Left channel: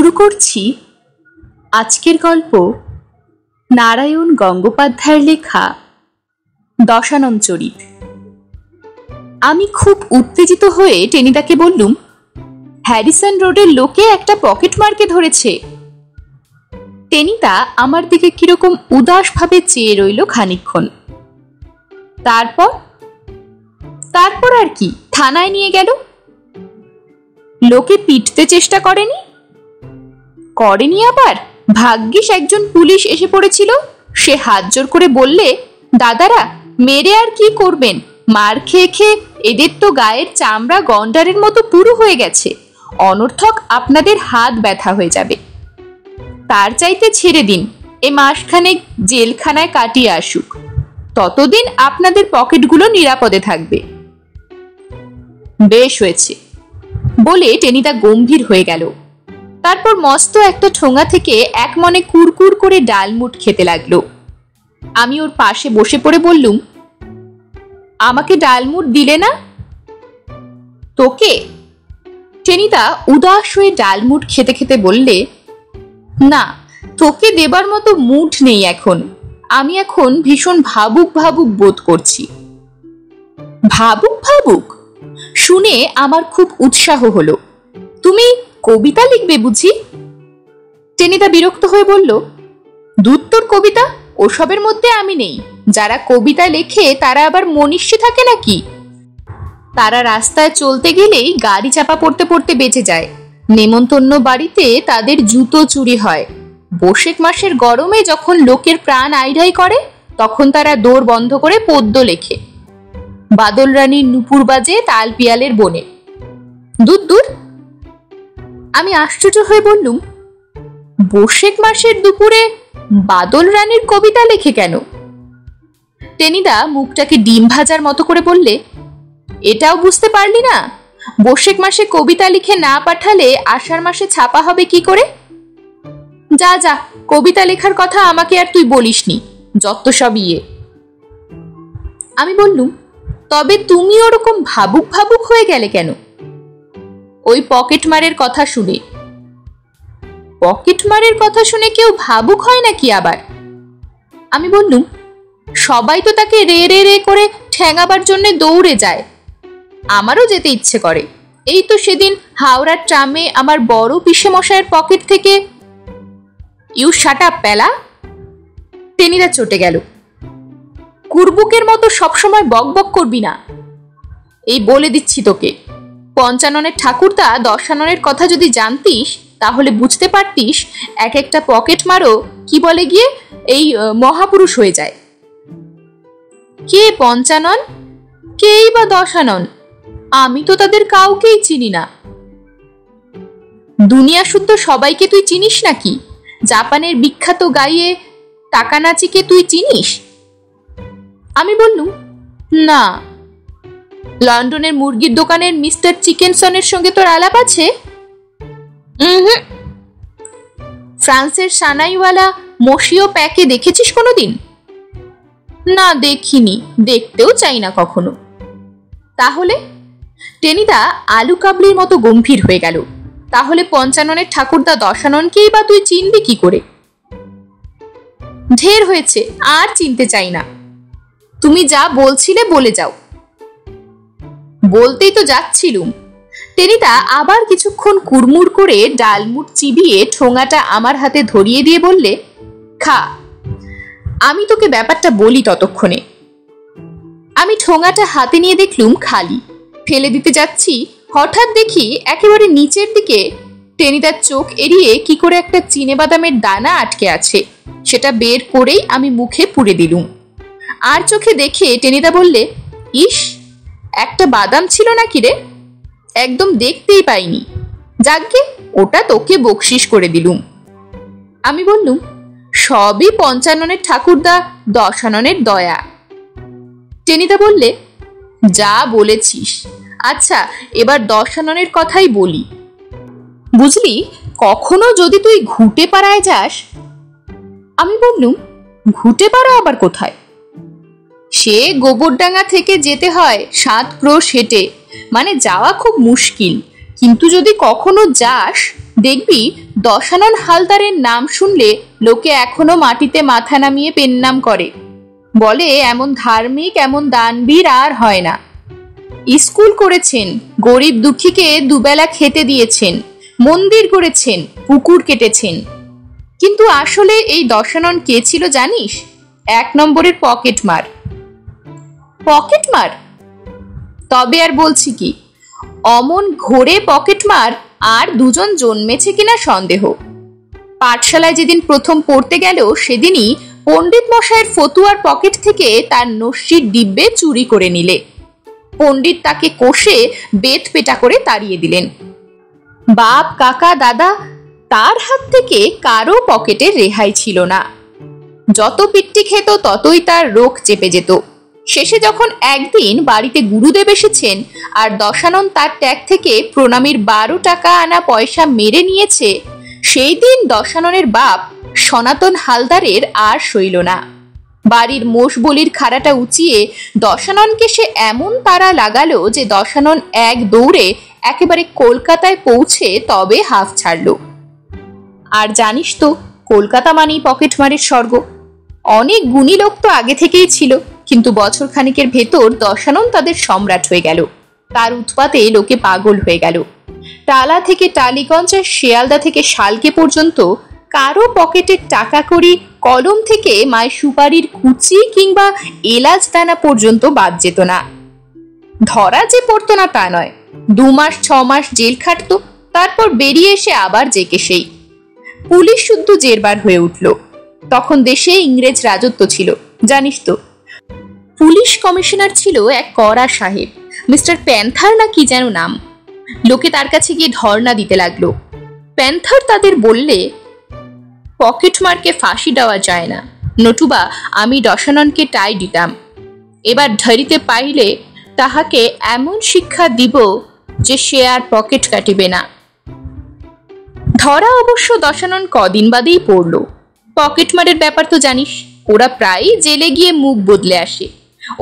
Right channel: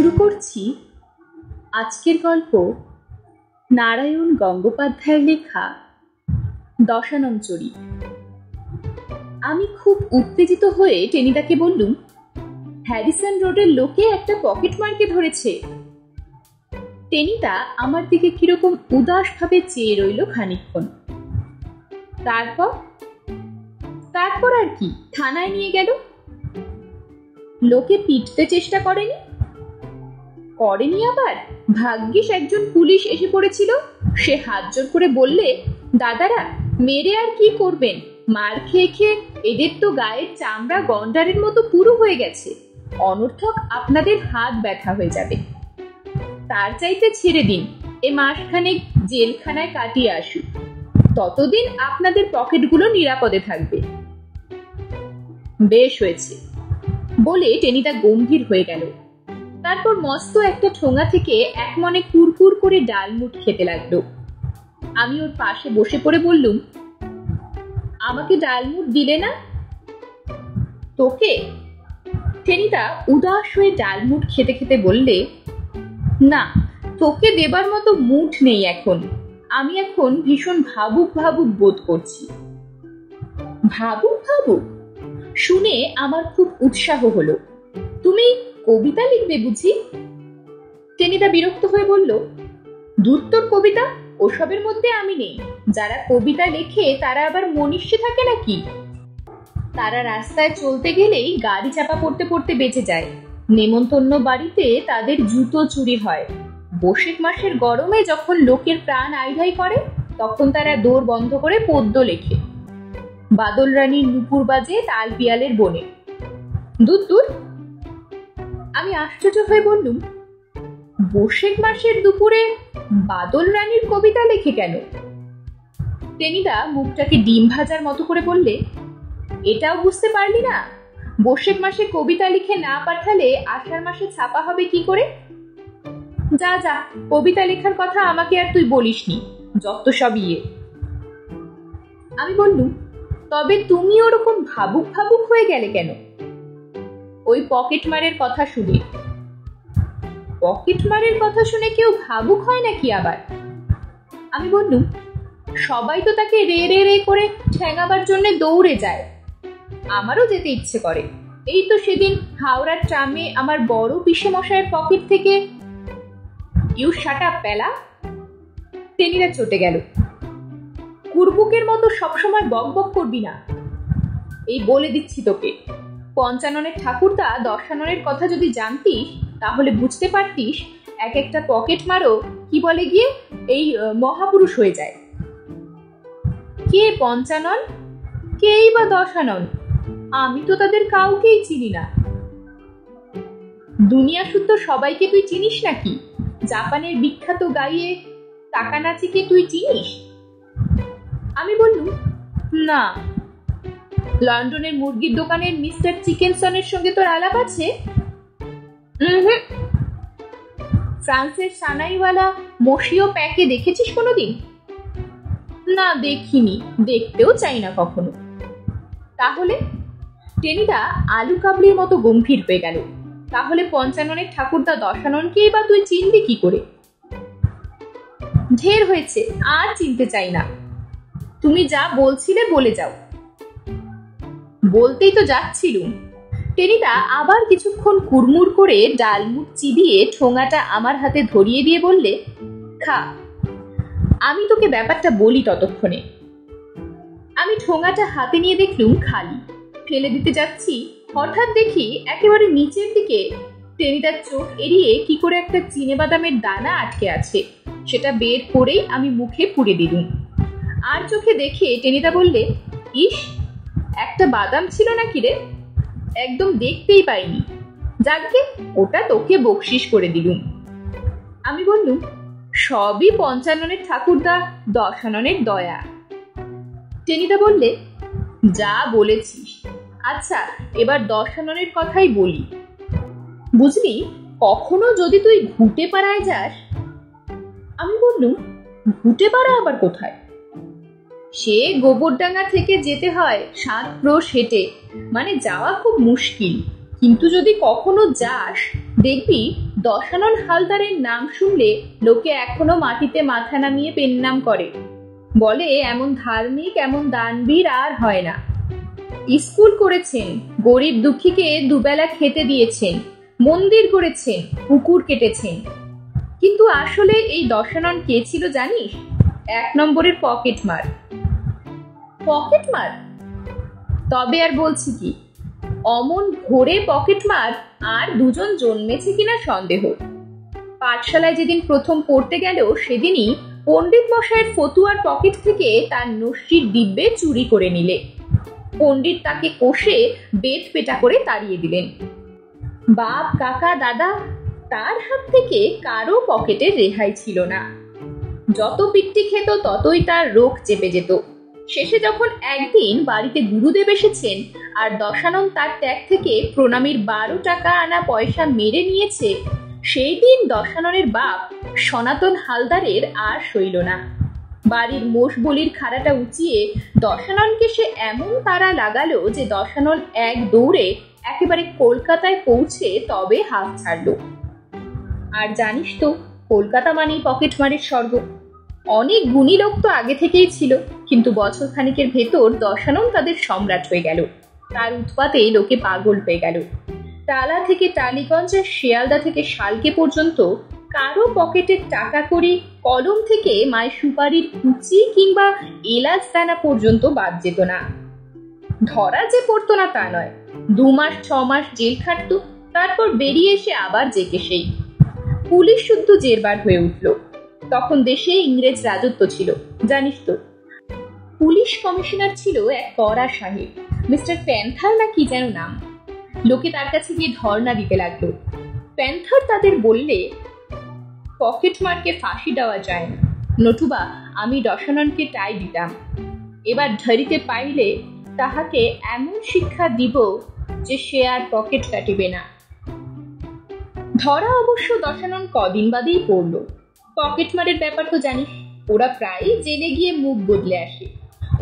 শুরু করছি আজকের গল্প নারায়ণ গঙ্গোপাধ্যায়ের লেখা দশানন চরিত। আমি খুব উত্তেজিত হয়ে টেনিদাকে বললুম, হ্যারিসন রোডের লোকে একটা পকেট মারকে ধরেছে। টেনিদা আমার দিকে কিরকম উদাস ভাবে চেয়ে রইল খানিকক্ষণ। তারপর আর কি, থানায় নিয়ে গেল। লোকে পিটতে চেষ্টা করেনি? আবার ভাগ্যিস একজন পুলিশ এসে পড়েছিল। সে হাত জোর করে বললে, দাদারা মেরে আর কি করবেন, মার খেয়ে খেয়ে এদের তো গায়ের চামড়া গন্ডারের মতো পুরু হয়ে গেছে, অনর্থক আপনাদের হাত ব্যথা হয়ে যাবে। তার চাইতে ছেড়ে দিন, এ মাসখানেক জেলখানায় কাটিয়ে আসুক, ততদিন আপনাদের পকেটগুলো নিরাপদে থাকবে। বেশ হয়েছে বলে টেনিদা গম্ভীর হয়ে গেল। তারপর মস্ত একটা ঠোঙা থেকে এক মনে কুরকুর করে ডালমুট খেতে লাগলো। আমি ওর পাশে বসে পড়ে বললুম, আমাকে ডালমুট দিলে না? তোকে? টেনিদা উদাস হয়ে ডালমুট খেতে খেতে বললে, না, তোকে দেবার মতো মুড নেই এখন। আমি এখন ভীষণ ভাবুক ভাবুক বোধ করছি। ভাবুক ভাবুক শুনে আমার খুব উৎসাহ হলো। তুমি কবিতা লিখবে বুঝি? টেনিদা বিরক্ত হয়ে বলল, দূর তোর কবিতা, ওসবের মধ্যে আমি নেই। যারা কবিতা লেখে তারা আবার মনীষী থাকে নাকি? তারা রাস্তায় চলতে গেলেই গাড়ি চাপা পড়তে পড়তে বেঁচে যায়। নেমন্তন্ন বাড়িতে তাদের জুতো চুরি হয়। বৈশাখ মাসের গরমে যখন লোকের প্রাণ আইঢাই করে, তখন তারা দোর বন্ধ করে পদ্য লেখে। বাদল রানীর নুপুর বাজে তাল পিয়ালের বনে। দূর দূর। আমি আশ্চর্য হয়ে বললুম, বৈশাখ মাসের দুপুরে বাদল রানীর কবিতা লেখে কেন? টেনিদা মুখটাকে ডিম ভাজার মতো করে বললে, এটাও বুঝতে পারলি না? বৈশাখ মাসে কবিতা লিখে না পাঠালে আষাঢ় মাসে ছাপা হবে কি করে? যা যা, কবিতা লেখার কথা আমাকে আর তুই বলিসনি, যত সব ইয়ে। আমি বললুম, তবে তুমি ওরকম ভাবুক ভাবুক হয়ে গেলে কেন? ওই পকেটমারের কথা শুনে। পকেটমারের কথা শুনে কেউ ভাবুক হয় নাকি আবার? আমি বললুম, সবাই তো তাকে রে রে রে করে ঠ্যাঙাবার জন্য দৌড়ে যায়। আমারও যেতে ইচ্ছে করে। এই তো সেদিন হাওড়ার ট্রামে আমার বড় পিসে মশাইয়ের পকেট থেকে। ইউ শাট আপ প্যালা। টেনিদা চটে গেল। কুরবুকের মতো সবসময় বক বক করবি না। এই বলে দিচ্ছি তোকে, পঞ্চাননের ঠাকুরদা দশাননের কথা যদি জানতিস তাহলে বুঝতে পারতিস এক একটা পকেট মারও কি বলে গিয়ে এই মহাপুরুষ হয়ে যায়। কে পঞ্চানন, কেই বা দশানন? আমি তো তাদের কাউকেই চিনি না। দুনিয়া শুদ্ধ সবাইকে তুই চিনিস নাকি? জাপানের বিখ্যাত গাইয়ে তাকানাচিকে তুই চিনিস? আমি বললুম, না। লন্ডনের মুরগির দোকানের মিস্টার চিকেনসনের সঙ্গে তোর আলাপ আছে? ফ্রান্সের সানাইওয়ালা মশিও প্যাকে দেখেছিস কোনোদিন? না, দেখিনি, দেখতেও চাই না কখনো। তাহলে? টেনিদা আলু কাবলির মতো গম্ভীর হয়ে গেল। তাহলে পঞ্চাননের ঠাকুরদা দশাননকেই বা তুই চিনবি কি করে? ঢের হয়েছে, আর চিনতে চাই না। তুমি যা বলছিলে বলে যাও। বলতেই তো যাচ্ছিলুম। টেনিদা আবার কিছুক্ষণ কুড়মুড় করে ডালমুট চিবিয়ে ঠোঙাটা আমার হাতে ধরিয়ে দিয়ে বললে, খা, আমি তোকে ব্যাপারটা বলি ততক্ষণে। আমি ঠোঙাটা হাতে নিয়ে দেখলুম খালি। ফেলে দিতে যাচ্ছি, হঠাৎ দেখি একেবারে নিচের দিকে টেনিদার চোখ এড়িয়ে কি করে একটা চিনেবাদামের দানা আটকে আছে। সেটা বের করেই আমি মুখে পুরে দিলুম। আর চোখে দেখে টেনিদা বললে, ইস, একটা বাদাম ছিল নাকি রে? একদম দেখতেই পাইনি। যাকগে, ওটা তোকে বকশিস করে দিলুম। আমি বললুম, সবই পঞ্চাননের ঠাকুরদা দশাননের দয়া। টেনিদা বললে, যা বলেছিস। আচ্ছা, এবার দশাননের কথাই বলি। বুঝলি, কখনো যদি তুই ঘুটে পাড়ায় যাস। আমি বললুম, ঘুটে পাড়া আবার কোথায়? সে গোবরডাঙ্গা থেকে যেতে হয় 7 ক্রোশ হেঁটে, মানে যাওয়া খুব মুশকিল। কিন্তু যদি কখনো যাস, দেখবি দশানন হালদারের নাম শুনলে লোকে এখনো মাটিতে মাথা নামিয়ে পেন্নাম করে, বলে এমন ধার্মিক এমন দানবীর আর হয় না। স্কুল করেছেন, গরিব দুঃখীকে দুবেলা খেতে দিয়েছেন, মন্দির করেছেন, পুকুর কেটেছেন। কিন্তু আসলে এই দশানন কে ছিল জানিস? 1 নম্বরের পকেটমার। পকেটমার? তবে আর বলছি কি, অমন ঘোরে পকেটমার আর দুজন জন্মেছে কিনা সন্দেহ। পাঠশালায় যেদিন প্রথম পড়তে গেল সেদিনই পণ্ডিত মশাইয়ের ফতুয়ার পকেট থেকে তার নস্যির ডিব্বে চুরি করে নিলে। পণ্ডিত তাকে কষে বেত পেটা করে তাড়িয়ে দিলেন। বাপ কাকা দাদা তার হাত থেকে কারো পকেটের রেহাই ছিল না। যত পিট্টি খেত ততই তার রোগ চেপে যেত। শেষে যখন একদিন বাড়িতে গুরুদেব এসেছেন আর দশানন তার ট্যাগ থেকে প্রণামীর 12 টাকা আনা পয়সা মেরে নিয়েছে, সেই দিন দশাননের বাপ সনাতন হালদারের আর সইল না। বাড়ির মোষ বলির খাড়াটা উঁচিয়ে দশাননকে সে এমন তাড়া লাগালো যে দশানন এক দৌড়ে একেবারে কলকাতায় পৌঁছে তবে হাফ ছাড়ল। আর জানিস তো, কলকাতা মানেই পকেটমারের স্বর্গ। অনেক গুণী লোক তো আগে থেকেই ছিল, কিন্তু বছর খানিকের ভেতর দশানন তাদের সম্রাট হয়ে গেল। তার উৎপাতে লোকে পাগল হয়ে গেল। টালা থেকে টালিগঞ্জ, শিয়ালদা থেকে শালকে পর্যন্ত কারো পকেটের টাকা কড়ি, কলম থেকে মায়ের সুপারির কুচি কিংবা এলাচ দানা পর্যন্ত বাদ যেত না। ধরা যে পড়তো না তা নয়, 2 মাস 6 মাস জেল খাটতো, তারপর বেরিয়ে এসে আবার জেকে সেই। পুলিশ শুদ্ধ জেরবার হয়ে উঠল। তখন দেশে ইংরেজ রাজত্ব ছিল, জানিস তো। পুলিশ কমিশনার ছিল এক কড়া সাহেব, মিস্টার প্যান্থার না কি যেন নাম। লোকে তার কাছে গিয়ে ধর্ণা দিতে লাগলো। প্যান্থার তাদের বললে, পকেটমারকে ফাঁসি দেওয়া যায় না, নতুবা আমি দশাননকে টাই দিতাম। এবার ধরিতে পাইলে তাহাকে এমন শিক্ষা দিব যে সে আর পকেট কাটিবে না। ধরা অবশ্য দশানন কদিন বাদেই পড়ল। পকেটমারের ব্যাপার তো জানিস, ওরা প্রায় জেলে গিয়ে মুখ বদলে আসে,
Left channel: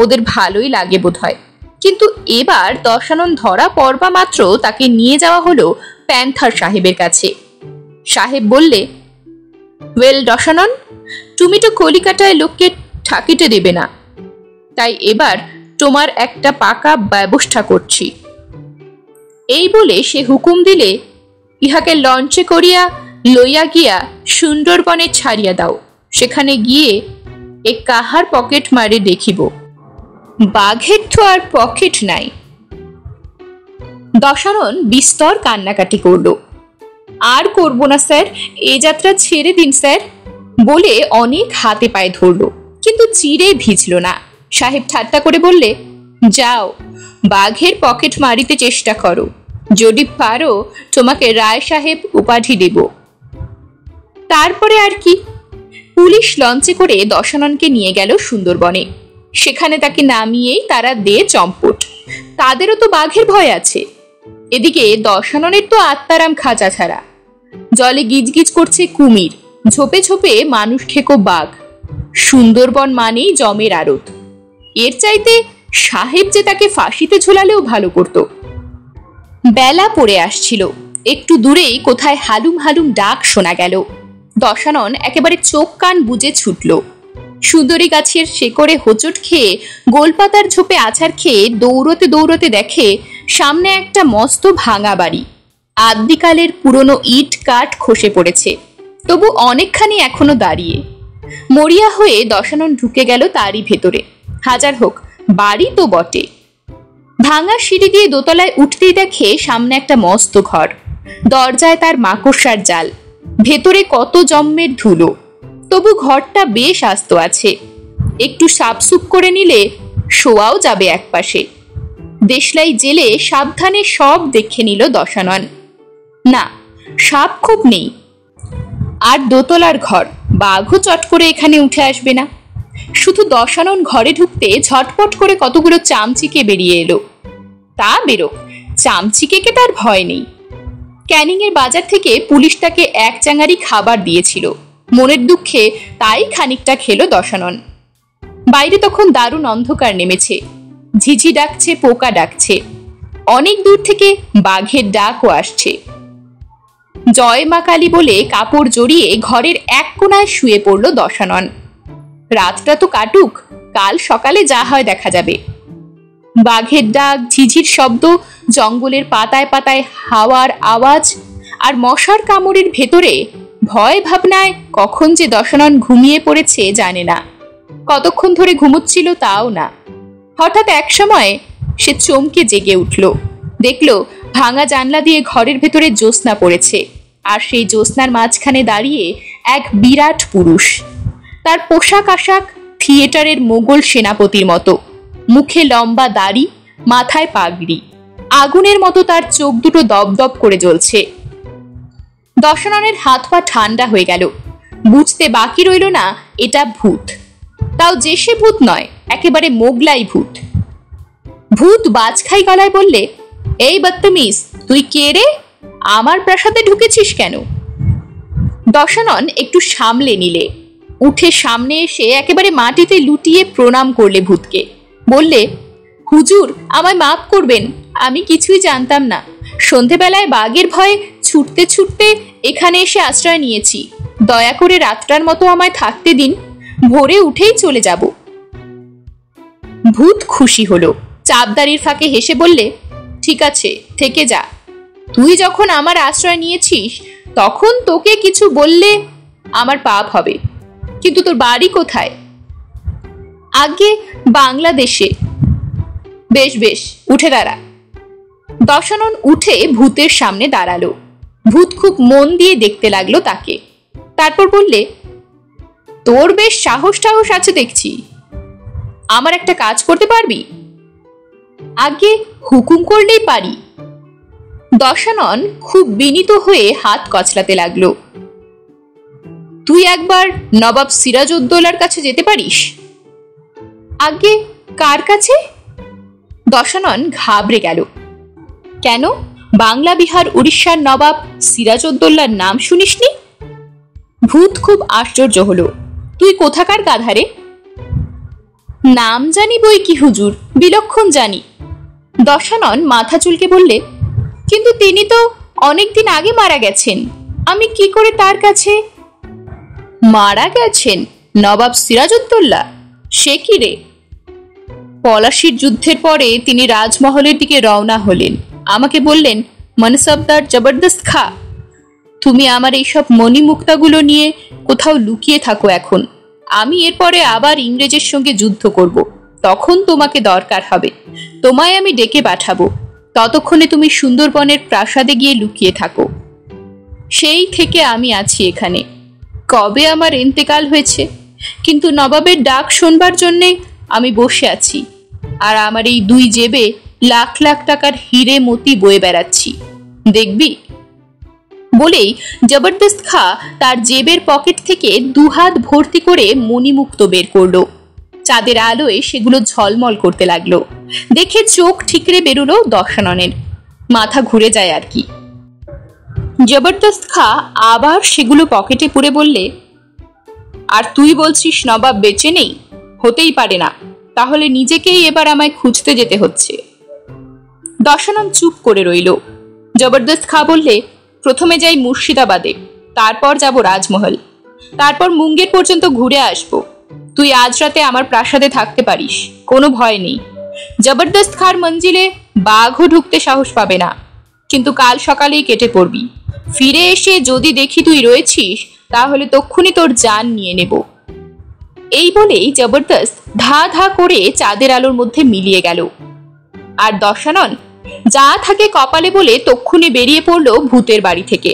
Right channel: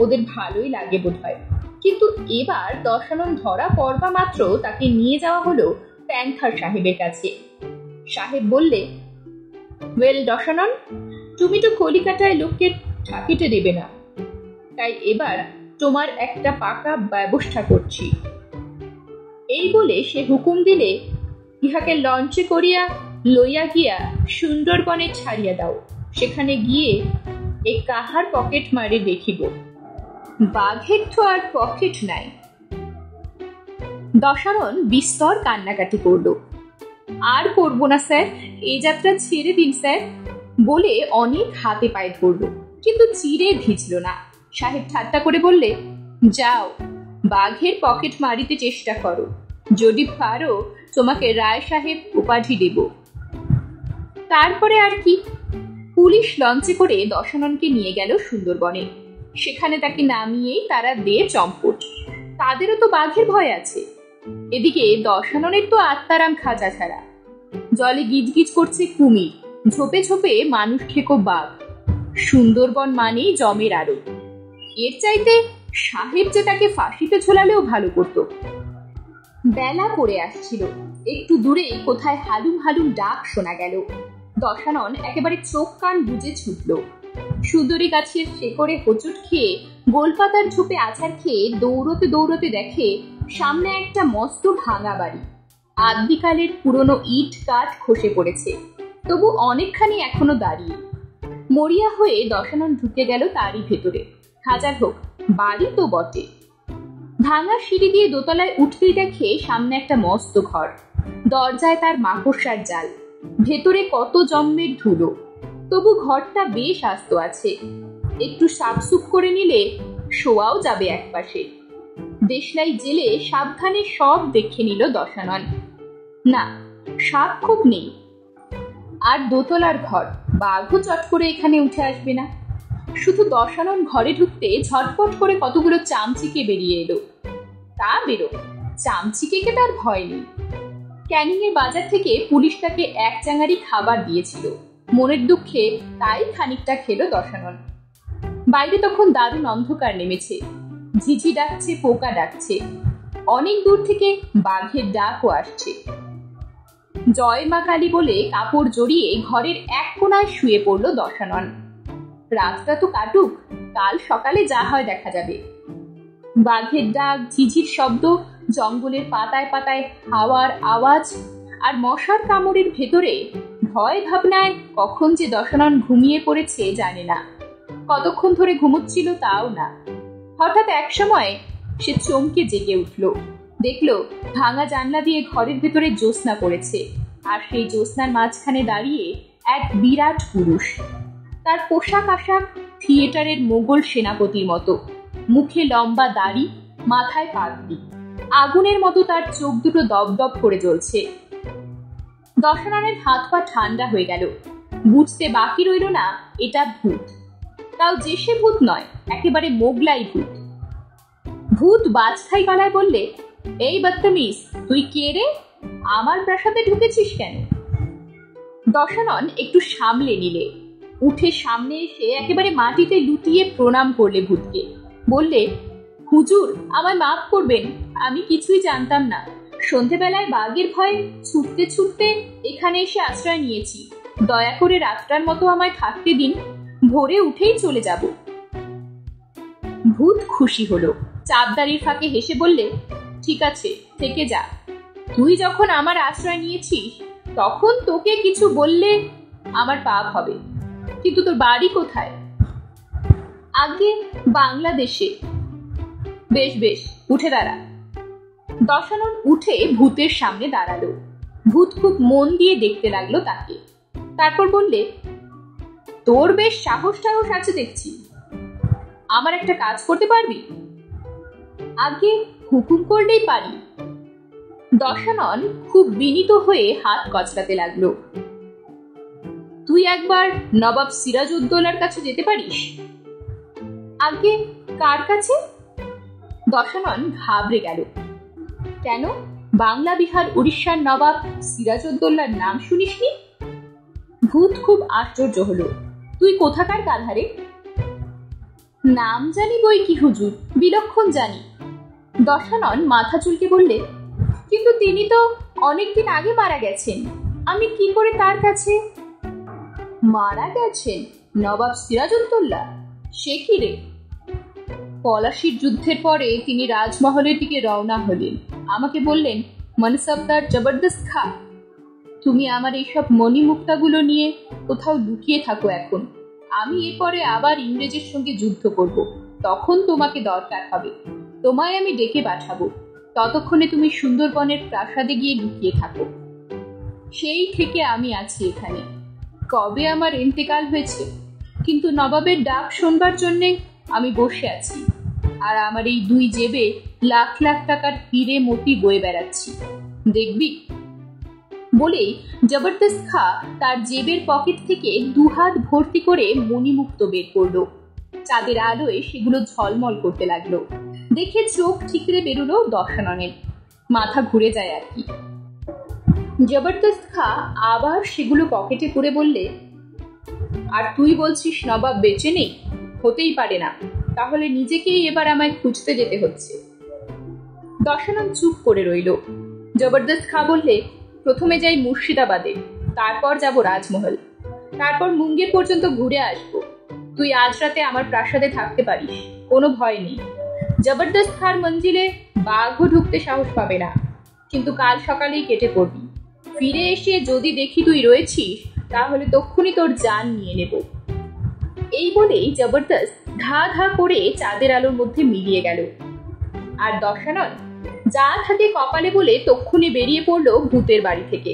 ওদের ভালোই লাগে বোধ হয়। কিন্তু এবার দশানন ধরা পড়বা মাত্র তাকে নিয়ে যাওয়া হলো প্যান্থার সাহেবের কাছে। সাহেব বললে, ওয়েল দশানন, তুমি তো কলিকাতায় লোককে ঠাকিতে দেবে না, তাই এবার তোমার একটা পাকা ব্যবস্থা করছি। এই বলে সে হুকুম দিলে, ইহাকে লঞ্চে করিয়া লইয়া গিয়া সুন্দরবনে ছাড়িয়া দাও। সেখানে গিয়ে এ কাহার পকেট মারে দেখিব। বাঘের তো আর পকেট নাই। দশানন বিস্তর কান্নাকাটি করল। আর করব না স্যার, এ যাত্রা ছেড়ে দিন স্যার বলে অনেক হাতে পায়ে ধরল, কিন্তু চিরে ভিজল না। সাহেব ঠাট্টা করে বললে, যাও বাঘের পকেট মারিতে চেষ্টা করো, যদি পারো তোমাকে রায় সাহেব উপাধি দেব। তারপরে আর কি, পুলিশ লঞ্চে করে দশাননকে নিয়ে গেল সুন্দরবনে। সেখানে তাকে নামিয়েই তারা দে চম্পট। তাদেরও তো বাঘের ভয় আছে। এদিকে দশাননের তো আত্মারাম খাঁচা ছাড়া। জলে গিজগিজ করছে কুমির, ঝোপে ঝোপে মানুষ খেকো বাঘ। সুন্দরবন মানেই জমের আড়ত। এর চাইতে সাহেব যে তাকে ফাঁসিতে ঝোলালেও ভালো করত। বেলা পড়ে আসছিল। একটু দূরেই কোথায় হালুম হালুম ডাক শোনা গেল। দশানন একেবারে চোখ কান বুজে ছুটল। সুন্দরী গাছের শেকড়ে হোঁচট খেয়ে, গোলপাতার ঝোপে আছাড় খেয়ে দৌড়তে দৌড়তে দেখে সামনে একটা মস্ত ভাঙা বাড়ি। আদ্যিকালের পুরনো ইট কাঠ খসে পড়েছে, তবু অনেকখানি এখনো দাঁড়িয়ে। মরিয়া হয়ে দশানন ঢুকে গেল তারই ভেতরে। হাজার হোক, বাড়ি তো বটে। ভাঙা সিঁড়ি দিয়ে দোতলায় উঠতেই দেখে সামনে একটা মস্ত ঘর। দরজায় তার মাকড়সার জাল, ভেতরে কত জম্মের ধুলো, তবু ঘরটা বেশ আস্ত আছে। একটু সাপসুপ করে নিলে শোয়াও যাবে একপাশে। দেশলাই জেলে সাবধানে সব দেখে নিল দশানন। না, সাপ খুব নেই। আর দোতলার ঘর, বাঘও চট করে এখানে উঠে আসবে না। শুধু দশানন ঘরে ঢুকতে ঝটপট করে কতগুলো চামচিকে বেরিয়ে এলো। তা বেরোক, চামচিকেকে তার ভয় নেই। ক্যানিং এর বাজার থেকে পুলিশ তাকে 1 চাঙারি খাবার দিয়েছিল। মনের দুঃখে তাই খানিকটা খেলো দশানন। বাইরে তখন দারুণ অন্ধকার নেমেছে। ঝিঝি ডাকছে, পোকা ডাকছে। অনেক দূর থেকে বাঘের ডাকও আসছে। জয় মা কালী বলে কাপড় জড়িয়ে ঘরের এক কোণায় শুয়ে পড়ল দশানন। রাতটা তো কাটুক, কাল সকালে যা হয় দেখা যাবে। বাঘের ডাক, ঝিঝির শব্দ, জঙ্গলের পাতায় পাতায় হাওয়ার আওয়াজ আর মশার কামড়ের ভেতরে ভয় ভাবনায় কখন যে দশানন ঘুমিয়ে পড়েছে জানে না। কতক্ষণ ধরে ঘুমোচ্ছিল তাও না। হঠাৎ এক সময় সে চমকে জেগে উঠল। দেখল ভাঙা জানলা দিয়ে ঘরের ভেতরে জ্যোৎস্না পড়েছে, আর সেই জ্যোৎস্নার মাঝখানে দাঁড়িয়ে এক বিরাট পুরুষ। তার পোশাক আশাক থিয়েটারের মোগল সেনাপতির মতো, মুখে লম্বা দাড়ি, মাথায় পাগড়ি, আগুনের মতো তার চোখ দুটো দপদপ করে জ্বলছে। দশাননের হাত পা ঠান্ডা হয়ে গেল। বুঝতে বাকি রইল না এটা ভূত, তাও যে সে ভূত নয়, একেবারে মোগলাই ভূত। ভূত বাজখাই গলায় বললে, এই বদতমিজ, তুই কে রে? আমার প্রাসাদে ঢুকেছিস কেন? দশানন একটু সামলে নিলে, উঠে সামনে এসে একেবারে মাটিতে লুটিয়ে প্রণাম করলে ভূতকে। বললে, হুজুর, আমায় মাফ করবেন, আমি কিছুই জানতাম না। সন্ধেবেলায় বাঘের ভয়ে ছুটতে ছুটতে এখানে এসে আশ্রয় নিয়েছি। দয়া করে রাতটার মতো আমায় থাকতে দিন, ভোরে উঠেই চলে যাব। ভূত খুশি হলো, চাপদারির ফাঁকে হেসে বললে, ঠিক আছে, থেকে যা। তুই যখন আমার আশ্রয় নিয়েছিস তখন তোকে কিছু বললে আমার পাপ হবে, কিন্তু তোর বাড়ি কোথায়? আগে বাংলাদেশে। বেশ বেশ, উঠে দাঁড়া। দশানন উঠে ভূতের সামনে দাঁড়ালো। ভূত খুব মন দিয়ে দেখতে লাগলো তাকে। তারপর বললে, তোর বেশ সাহস টাহস আছে দেখছি, আমার একটা কাজ করতে পারবি? আগে হুকুম করলেই পারি। দশানন খুব বিনীত হয়ে হাত কচলাতে লাগলো। তুই একবার নবাব সিরাজউদ্দৌলার কাছে যেতে পারিস। আগে কার কাছে? দশানন ঘাবড়ে গেল। কেন, বাংলা বিহার উড়িষ্যার নবাব সিরাজউদ্দৌলার নাম শুনিসনি? ভূত খুব আশ্চর্য হলো। তুই কোথাকার গাধারে? নাম জানি বই কি হুজুর, বিলক্ষণ জানি। দশানন মাথা চুলকে বললে, কিন্তু তিনি তো অনেকদিন আগে মারা গেছেন, আমি কি করে তার কাছে? মারা গেছেন নবাব সিরাজউদ্দৌলা? সে কি রে? পলাশির যুদ্ধের পরে তিনি রাজমহলের দিকে রওনা হলেন। আমাকে বললেন, মনসবদার জবরদস্ত খা, তুমি আমার এইসব মণিমুক্তাগুলো নিয়ে কোথাও লুকিয়ে থাকো এখন। আমি এরপরে আবার ইংরেজের সঙ্গে যুদ্ধ করব, তখন তোমাকে দরকার হবে, তোমায় আমি ডেকে পাঠাবো। ততক্ষণে তুমি সুন্দরবনের প্রাসাদে গিয়ে লুকিয়ে থাকো। সেই থেকে আমি আছি এখানে। কবে আমার ইন্তেকাল হয়েছে, কিন্তু নবাবের ডাক শুনবার জন্যে আমি বসে আছি, আর আমার এই দুই জেবে লাখ লাখ টাকার হিরে মতি বয়ে বেড়াচ্ছি, দেখবি? বলেই জবরদস্ত খা তার জেবের পকেট থেকে দুহাত ভর্তি করে মণিমুক্ত বের করলো। চাঁদের আলোয় সেগুলো ঝলমল করতে লাগলো। দেখে চোখ ঠিকরে বেরোলো দশাননের, মাথা ঘুরে যায় আর কি। জবরদস্ত খা আবার সেগুলো পকেটে পুরে বললে, আর তুই বলছিস নবাব বেঁচে নেই? হতেই পারে না, তাহলে নিজেকেই এবার আমায় খুঁজতে যেতে হচ্ছে। দশানন চুপ করে রইল। জবরদস্ত খা বললে, প্রথমে যাই মুর্শিদাবাদে, তারপর যাব রাজমহল, তারপর মুঙ্গের পর্যন্ত ঘুরে আসব। তুই আজ রাতে আমার প্রাসাদে থাকতে পারিস, কোনো ভয় নেই। জবরদস্ত খার মঞ্জিলে বাঘও ঢুকতে সাহস পাবে না, কিন্তু কাল সকালেই কেটে পড়বি। ফিরে এসে যদি দেখি তুই রয়েছিস, তাহলে তক্ষুনি তোর জান নিয়ে নেব। এই বলেই জবরদস্ত ধা ধা করে চাঁদের আলোর মধ্যে মিলিয়ে গেল। আর দশানন যা থাকে কপালে বলে তক্ষুনি বেরিয়ে পড়লো ভূতের বাড়ি থেকে।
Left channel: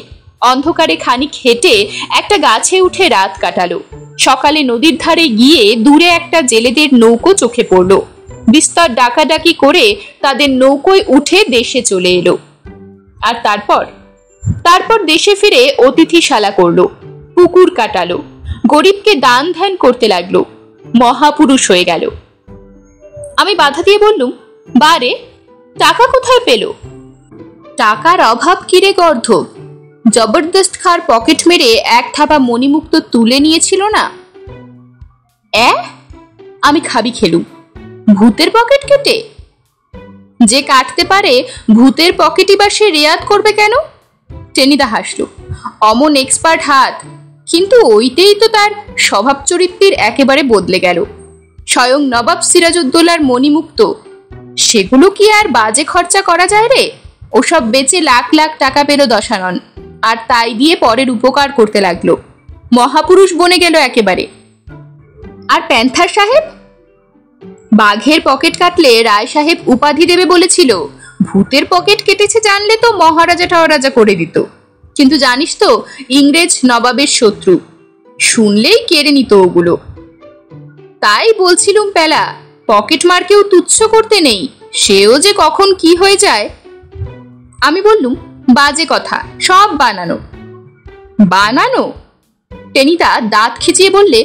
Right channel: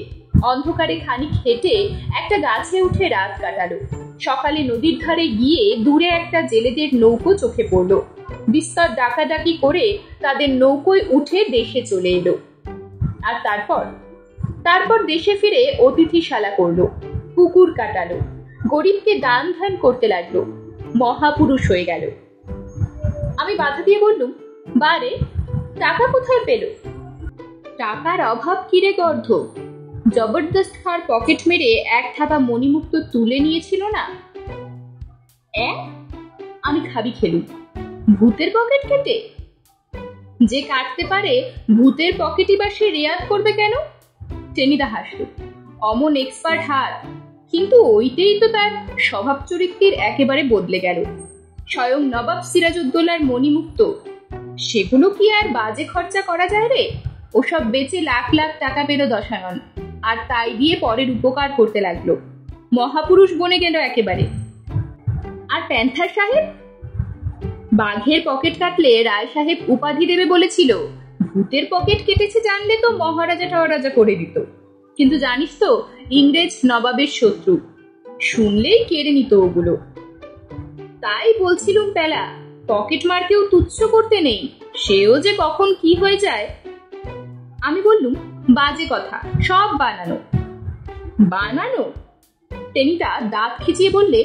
অন্ধকারে খানিক হেঁটে একটা গাছে উঠে রাত কাটালো। সকালে নদীর ধারে গিয়ে দূরে একটা জেলেদের নৌকো চোখে পড়লো। বিস্তর ডাকাডাকি করে তাদের নৌকোয় উঠে দেশে চলে এলো। আর তারপর দেশে ফিরে অতিথিশালা করলো, পুকুর কাটালো, গরিবকে দান ধ্যান করতে লাগলো, মহাপুরুষ হয়ে গেল। আমি বাধা দিয়ে বললুম, বারে, টাকা কোথায় পেল? টাকার অভাব কিরে গর্ধ, জবরদস্ত খার পকেট মেরে এক থাবা মণিমুক্ত তুলে নিয়েছিল না? আমি খাবি খেলুম। ভূতের পকেট কেটে? যে কাটতে পারে ভূতের পকেটই বা সে রেয়াত করবে কেন? টেনিদা হাসলো। অমন এক্সপার্ট হাত, কিন্তু ওইটাই তো তার স্বভাব চরিত্রের একেবারে বদলে গেল। স্বয়ং নবাব সিরাজউদ্দৌলার মণিমুক্ত, সেগুলো কি আর বাজে খরচা করা যায় রে? ওসব বেচে লাখ লাখ টাকা পেল দশানন, আর তাই দিয়ে পরের উপকার করতে লাগলো। মহাপুরুষ বনে গেল একেবারে। আর প্যান্থার সাহেব? বাঘের পকেট কাটলে রায় সাহেব উপাধি দেবে বলেছিল। ভূতের পকেট কেটেছে জানলে তো মহারাজা টহারাজা করে দিত। কিন্তু জানিস তো, ইংরেজ নবাবের শত্রু, শুনলেই কেড়ে নিত ওগুলো। তাই বলছিলুম পেলা, পকেট মারকেও তুচ্ছ করতে নেই, সেও যে কখন কি হয়ে যায়। আমি বললুম, বাজে কথা, সব বানানো। বানানো? টেনিদা দাঁত খিচিয়ে বললে,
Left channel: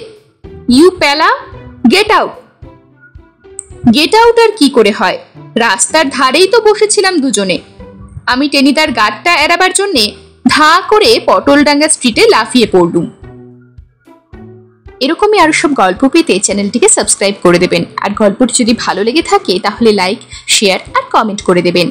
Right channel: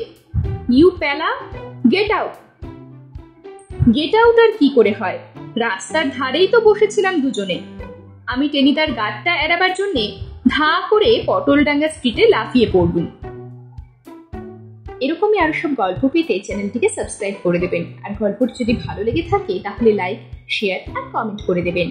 ইউ পেলা, গেট আউট। গেট আউট আর কি করে হয়? রাস্তার ধারেই তো বসেছিলাম দুজনে। আমি টেনিদার গাড়টা এড়াবার জন্যে ধা করে পটলডাঙ্গা স্ট্রিটে লাফিয়ে পড়লুম। এরকমই আরো সব গল্প পেতে চ্যানেলটিকে সাবস্ক্রাইব করে দেবেন। আর গল্পটি যদি ভালো লেগে থাকে তাহলে লাইক, শেয়ার আর কমেন্ট করে দেবেন।